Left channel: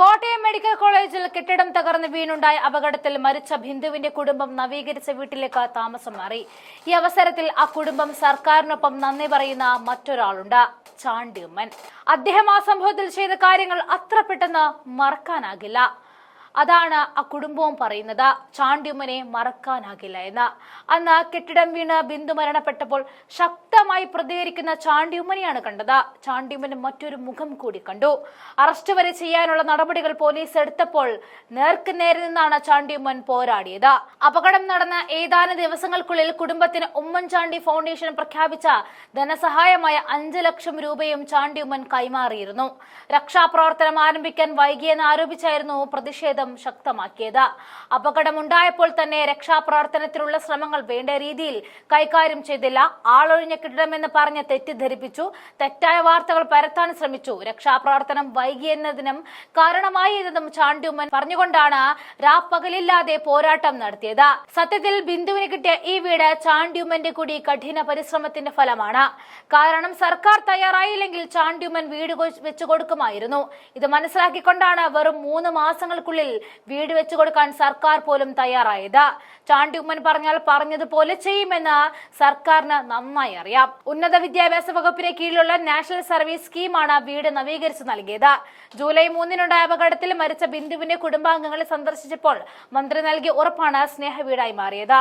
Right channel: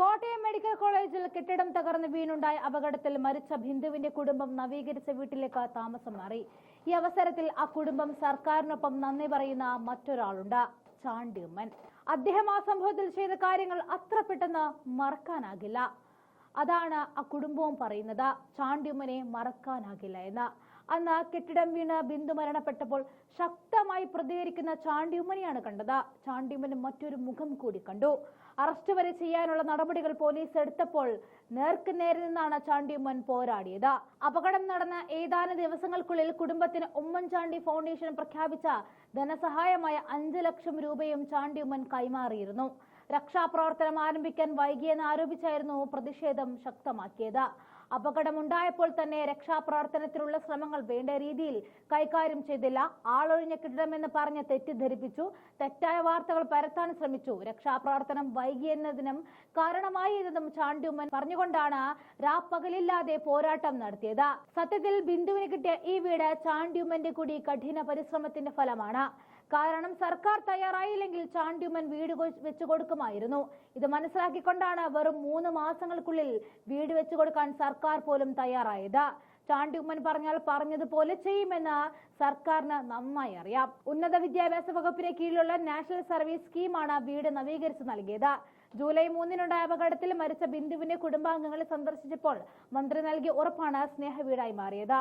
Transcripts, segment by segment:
Kottayam medical കോളേജിൽ കെട്ടിടം തകർന്ന് വീണുണ്ടായ അപകടത്തിൽ മരിച്ച ബിന്ദുവിന്റെ കുടുംബം നവീകരിച്ച വീട്ടിലേക്ക് താമസം മാറി. ഈ അവസരത്തിൽ ആ കുടുംബം സർക്കാരിനൊപ്പം നന്ദി പറയുന്ന മറ്റൊരാളുണ്ട് ചാണ്ടിയമ്മൻ. അദ്ദേഹം ആ സംഭവത്തിൽ ചെയ്ത കാര്യങ്ങൾ അത്ര പെട്ടെന്ന് മറക്കാനാകില്ല. അതാണ് ആ കുടുംബവും പറയുന്നത്. ചാണ്ടിയമ്മനെ മറക്കാനാകില്ല എന്ന്. അന്ന് കെട്ടിടം വീണ് ബിന്ദു മരണപ്പെട്ടപ്പോൾ ശക്തമായി പ്രതികരിക്കുന്ന ചാണ്ടിയമ്മനെയാണ് കണ്ടത്. ചാണ്ടിയമ്മന് മറ്റൊരു മുഖം കൂടി കണ്ടു. അറസ്റ്റ് വരെ ചെയ്യാനുള്ള നടപടികൾ പോലീസ് എടുത്തപ്പോൾ നേർക്ക് നേരെ നിന്നാണ് ചാണ്ടിയമ്മൻ പോരാടിയത്. അപകടം നടന്ന ഏതാനും ദിവസങ്ങൾക്കുള്ളിൽ കുടുംബത്തിന് ഉമ്മൻചാണ്ടി ഫൗണ്ടേഷൻ പ്രഖ്യാപിച്ച ധനസഹായമായ അഞ്ച് ലക്ഷം രൂപയും ചാണ്ടിയമ്മൻ കൈമാറിയിരുന്നു. രക്ഷാപ്രവർത്തനം ആരംഭിക്കാൻ വൈകിയെന്ന് ആരോപിച്ചായിരുന്നു പ്രതിഷേധം. ശക്തമാക്കിയത്. അപകടമുണ്ടായപ്പോൾ തന്നെ രക്ഷാപ്രവർത്തനത്തിനുള്ള ശ്രമങ്ങൾ വേണ്ട രീതിയിൽ കൈകാര്യം ചെയ്തില്ല. ആളൊഴിഞ്ഞ കെട്ടിടമെന്ന് പറഞ്ഞ് തെറ്റിദ്ധരിപ്പിച്ചു. തെറ്റായ വാർത്തകൾ പരത്താൻ ശ്രമിച്ചു. രക്ഷാപ്രവർത്തനം വൈകിയെന്നതിനും കാരണമായി ഇതെന്നും ചാണ്ടിയമ്മൻ പറഞ്ഞുകൊണ്ടാണ് രാപ്പകലില്ലാതെ പോരാട്ടം നടത്തിയത്. സത്യത്തിൽ ബിന്ദുവിന് കിട്ടിയ ഈ വീട് ചാണ്ടിയമ്മന്റെ കൂടി കഠിന പരിശ്രമത്തിന്റെ ഫലമാണ്. കാരണം സർക്കാർ തയ്യാറായില്ലെങ്കിൽ ചാണ്ടിയമ്മൻ വീട് വെച്ചു കൊടുക്കുമായിരുന്നു. ഇത് മനസ്സിലാക്കിക്കൊണ്ടാണ് വെറും മൂന്ന് മാസങ്ങൾക്കുള്ളിൽ വീട് വെച്ചു കൊടുക്കാൻ സർക്കാർ പോലും തയ്യാറായത്. ചാണ്ടിയമ്മൻ പറഞ്ഞാൽ പറഞ്ഞതുപോലെ ചെയ്യുമെന്ന് സർക്കാരിന് നന്നായി അറിയാം. ഉന്നത വിദ്യാഭ്യാസ വകുപ്പിന് കീഴിലുള്ള നാഷണൽ സർവീസ് സ്കീമാണ് വീട് നവീകരിച്ചു നൽകിയത്. ജൂലൈ മൂന്നിനുണ്ടായ അപകടത്തിൽ മരിച്ച ബിന്ദുവിന്റെ കുടുംബാംഗങ്ങളെ സന്ദർശിച്ചപ്പോൾ മന്ത്രി നൽകിയ ഉറപ്പാണ് സ്നേഹ വീടായി മാറിയത്.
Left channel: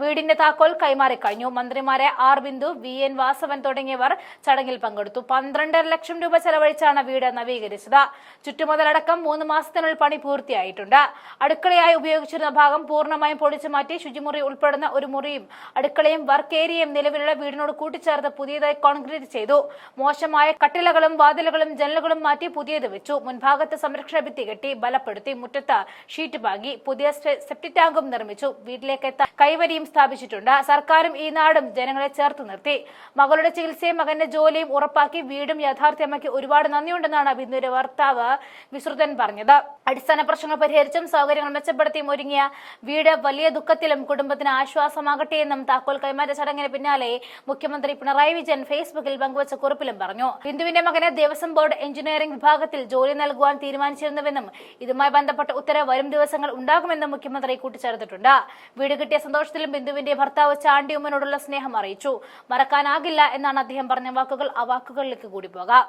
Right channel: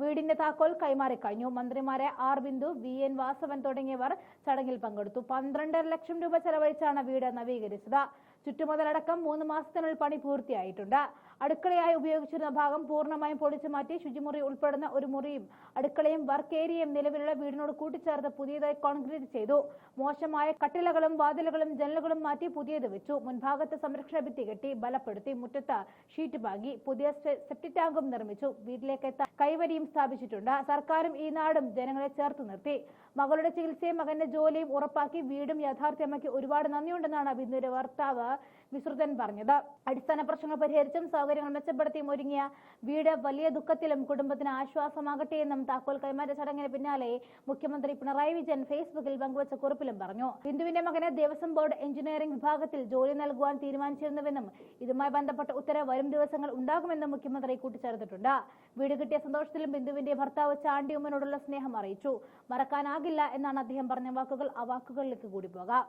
വീടിന്റെ താക്കോൽ കൈമാറി കഴിഞ്ഞു. മന്ത്രിമാരെ R Bindu V N Vasavan തുടങ്ങിയവർ ചടങ്ങിൽ പങ്കെടുത്തു. പന്ത്രണ്ടര ലക്ഷം രൂപ ചെലവഴിച്ചാണ് വീട് നവീകരിച്ചത്. ചുറ്റുമുതലടക്കം മൂന്ന് മാസത്തിനുള്ളിൽ പണി പൂർത്തിയായിട്ടുണ്ട്. അടുക്കളയായി ഉപയോഗിച്ചിരുന്ന ഭാഗം പൂർണമായും പൊളിച്ചു മാറ്റി ശുചിമുറി ഉൾപ്പെടുന്ന ഒരു മുറിയും അടുക്കളയും വർക്ക് ഏരിയയും നിലവിലുള്ള വീടിനോട് കൂട്ടിച്ചേർത്ത് പുതിയതായി കോൺക്രീറ്റ് ചെയ്തു. മോശമായ കട്ടിലകളും വാതിലുകളും ജനലുകളും മാറ്റി പുതിയത് വെച്ചു. മുൻഭാഗത്ത് സംരക്ഷണ ഭിത്തി കെട്ടി ബലപ്പെടുത്തി മുറ്റത്ത് ഷീറ്റ് പാകി. പുതിയ സെപ്റ്റി ടാങ്കും നിർമ്മിച്ചു. വീട്ടിലേക്ക് എത്താൻ കൈവരിയും സ്ഥാപിച്ചിട്ടുണ്ട്. സർക്കാരും ഈ നാടും ജനങ്ങളെ ചേർത്ത് നിർത്തി. മകളുടെ ചികിത്സയും മകന്റെ ജോലിയും ഉറപ്പാക്കി വീടും യാഥാർത്ഥ്യമാക്കി ഒരുപാട് നന്ദിയുണ്ടെന്നാണ് ബിന്ദുവിന്റെ ഭർത്താവ് വിശ്രുതൻ പറഞ്ഞത്. അടിസ്ഥാന പ്രശ്നങ്ങൾ പരിഹരിച്ചും സൗകര്യങ്ങൾ മെച്ചപ്പെടുത്തിയും ഒരുങ്ങിയ വീട് വലിയ ദുഃഖത്തിലും കുടുംബത്തിന് ആശ്വാസമാകട്ടെ എന്നും താക്കോൽ കൈമാറ്റ ചടങ്ങിന് പിന്നാലെ മുഖ്യമന്ത്രി പിണറായി വിജയൻ ഫേസ്ബുക്കിൽ പങ്കുവച്ച കുറിപ്പിലും പറഞ്ഞു. ബിന്ദുവിന്റെ മകനെ ദേവസ്വം ബോർഡ് എഞ്ചിനീയറിംഗ് വിഭാഗത്തിൽ ജോലി നൽകുവാൻ തീരുമാനിച്ചിരുന്നുവെന്നും ഇതുമായി ബന്ധപ്പെട്ട ഉത്തരവ് വരും ദിവസങ്ങൾ ഉണ്ടാകുമെന്നും മുഖ്യമന്ത്രി കൂട്ടിച്ചേർത്തിട്ടുണ്ട്. വീട് കിട്ടിയ സന്തോഷത്തിലും ബിന്ദുവിന്റെ ഭർത്താവ് ചാണ്ടിയമ്മനോടുള്ള സ്നേഹം അറിയിച്ചു. മറക്കാനാകില്ല എന്നാണ് അദ്ദേഹം പറഞ്ഞ വാക്കുകൾ. ആ വാക്കുകളിലേക്ക് കൂടി പോകാം.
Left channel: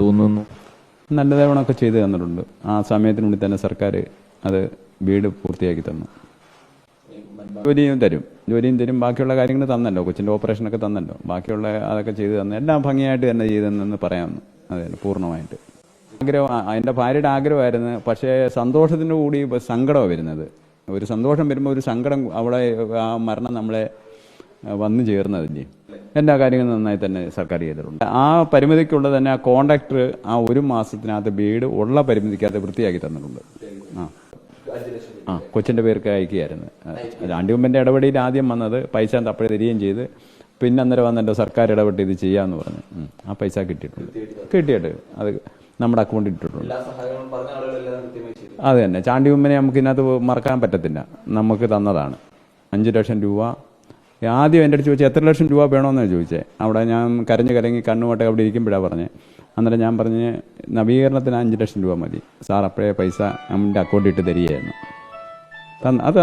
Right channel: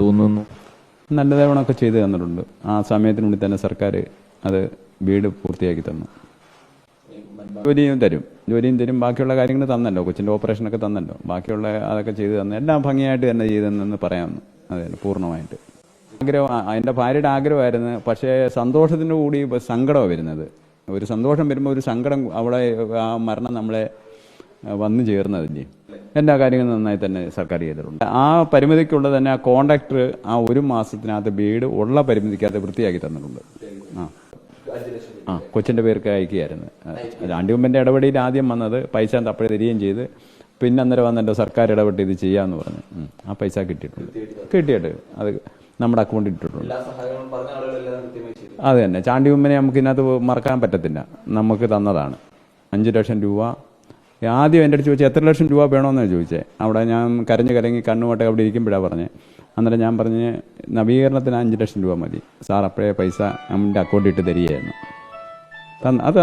തോന്നുന്നു. നല്ല തവണൊക്കെ ചെയ്തു തന്നിട്ടുണ്ട്. ആ സമയത്തിനുള്ളിൽ തന്നെ സർക്കാർ അത് വീട് പൂർത്തിയാക്കി തന്നു. ജോലിയും തരും. ജോലിയും തരും. ബാക്കിയുള്ള കാര്യങ്ങൾ തന്നല്ലോ. കൊച്ചിന്റെ ഓപ്പറേഷനൊക്കെ തന്നല്ലോ. ബാക്കിയുള്ള അതൊക്കെ ചെയ്തു തന്നു. എല്ലാം ഭംഗിയായിട്ട് തന്നെ ചെയ്തെന്ന് പറയാമെന്ന് അതെ പൂർണമായിട്ട്. ആഗ്രഹം എന്റെ ഭാര്യയുടെ ആഗ്രഹമായിരുന്നു. പക്ഷേ സന്തോഷത്തിന്റെ കൂടി സങ്കടമാണ് വരുന്നത്. ഒരു സന്തോഷം വരുമ്പോൾ ഒരു സങ്കടം അവിടെ ആ മരണം നമ്മളെ വന്നു ചേർന്നതില്ലേ എല്ലാ കാര്യങ്ങളും നന്നായി തന്നെ സർക്കാർ ചെയ്തിട്ടുണ്ട്. ആ പരിമിതിക്കുള്ള തന്നെ ആ കോൺട്രാക്ടർ ആ ഒരു മാസത്തിനകത്ത് വീട് ഉള്ള പരിമിതിക്കകത്ത് വൃത്തിയാക്കി തന്നിട്ടുണ്ട്. ആ. ആ കൊച്ചിന്റെ പേർക്ക് അയക്കുകയായിരുന്നു. ആണ്ടിയമ്മന്റെ ഇടപെടിയിൽ ആദ്യം വന്നത് പൈസ അപ്പോഴേ തരികയും ചെയ്ത് പിന്നെ അന്നേരം വന്നിട്ട് സർക്കാർ ഇടപെട്ട് ഇത് ചെയ്യാമെന്ന് പറഞ്ഞു. ആ പൈസ കിട്ടിയിട്ടുണ്ട്. കിട്ടിയിട്ട് അത് നമ്മുടെ അക്കൗണ്ടിൽ ഇട്ടിട്ടുണ്ട്. അത് തന്നെ ചാണ്ടിയമ്മനെ നമുക്ക് ഇതിനകത്ത് മറക്കാൻ പറ്റത്തില്ല. നമുക്ക് തന്നതാണ്. അഞ്ച് ലക്ഷം രൂപ. ആദ്യം എന്റെ അടുത്ത് ചോദിച്ചാൽ എത്ര ലക്ഷം രൂപ വേണമെന്നാണ് ചോദിച്ചേ. അവിടെ ഞാൻ കരഞ്ഞ് കരങ്ങി കണ്ണുമൊട്ടെ അവിടെ ഇരിക്കുമ്പോഴാണ് പറഞ്ഞത് അന്നേരം ഞാൻ പറഞ്ഞ് നവീകരണത്തിന് അഞ്ച് ലക്ഷം രൂപ മതി. സാർ അപ്പോഴേ പൈസ നമ്മുടെ അക്കൗണ്ടിൽ ഇട്ട് തരികയായിരുന്നു. തന്ന് അത്